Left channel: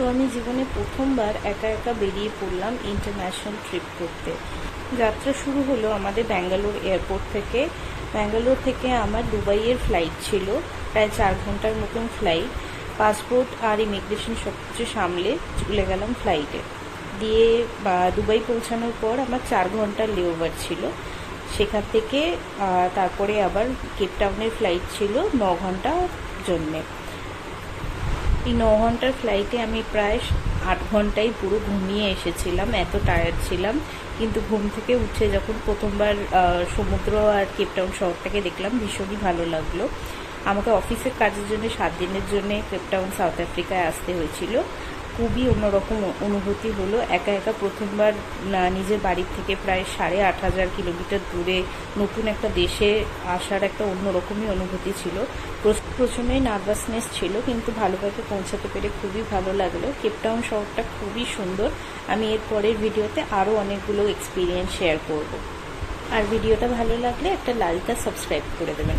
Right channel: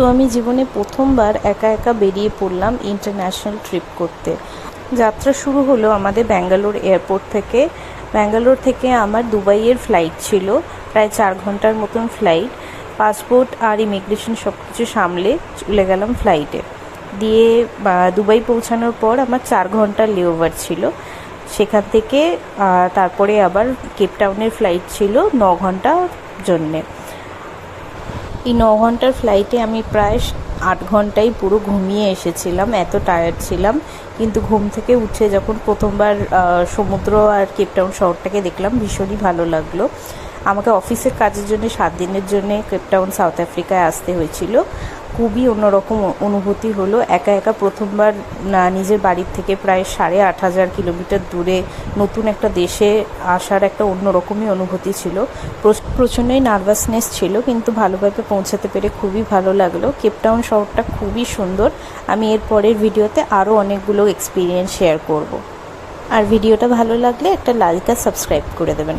তো আমি জীবনে প্রথমবার একা একা বেরিয়ে পড়লাম ইন্টারন্যাশনাল ট্রিপ করতে। যাত্রা শুরু হলো আমাদের ব্যাঙ্গালোর এয়ারপোর্ট থেকে। ব্যাঙ্গালোর থেকে আমার দুবাইয়ের ফ্লাইট ছিল, প্রায় 4 ঘন্টার মতন ফ্লাইট। পাসপোর্ট আর ইমিগ্রেশন সব কিছু সামলে চলে গেলাম ফ্লাইটে। দিয়ে দুবাই পৌঁছানোর পর আমার 4 ঘন্টার লেওভার ছিল। সেখান থেকে তারপরে আবার কেপটাউনের ফ্লাইট ছিল 9 ঘন্টার জন্যে। এই 9 ঘন্টার ফ্লাইটে আমি প্রায় 8 ঘন্টাই পুরো ঘুমিয়ে এসেছিলাম, এত টায়ার্ড ছিলাম। কিন্তু ঘুম থেকে উঠে যখন প্রথমবার সমুদ্র আর কেপটাউন শহরটাকে দেখলাম, ভীষণই ভালো লাগলো। আমাকে অফিসের কাজের জন্য 7 দিনের জন্য কেপটাউন সাউথ আফ্রিকায় আসতে হয়েছিল। খুবই অন্যরকম অনুভূতি হলো। একা একা প্রথমবার নিজের বাড়ির থেকে প্রায় 8,500 কিলোমিটার দূরে নতুন একটা দেশে আসার একটা অন্যরকমই অনুভূতি ছিল। প্রচণ্ডই নার্ভাসনেস ছিল, কিন্তু ভালোভাবে পৌঁছাতে পেরে খুবই ভালো লাগলো। কেপটাউন শহরটা খুবই সুন্দর। আমি এর পরের ভিডিওতে আরও অনেকগুলো এক্সপিরিয়েন্স শেয়ার করব। আর ভিডিওটা ভালো লাগলে একটা লাইক আর সাবস্ক্রাইব করে দেবেন।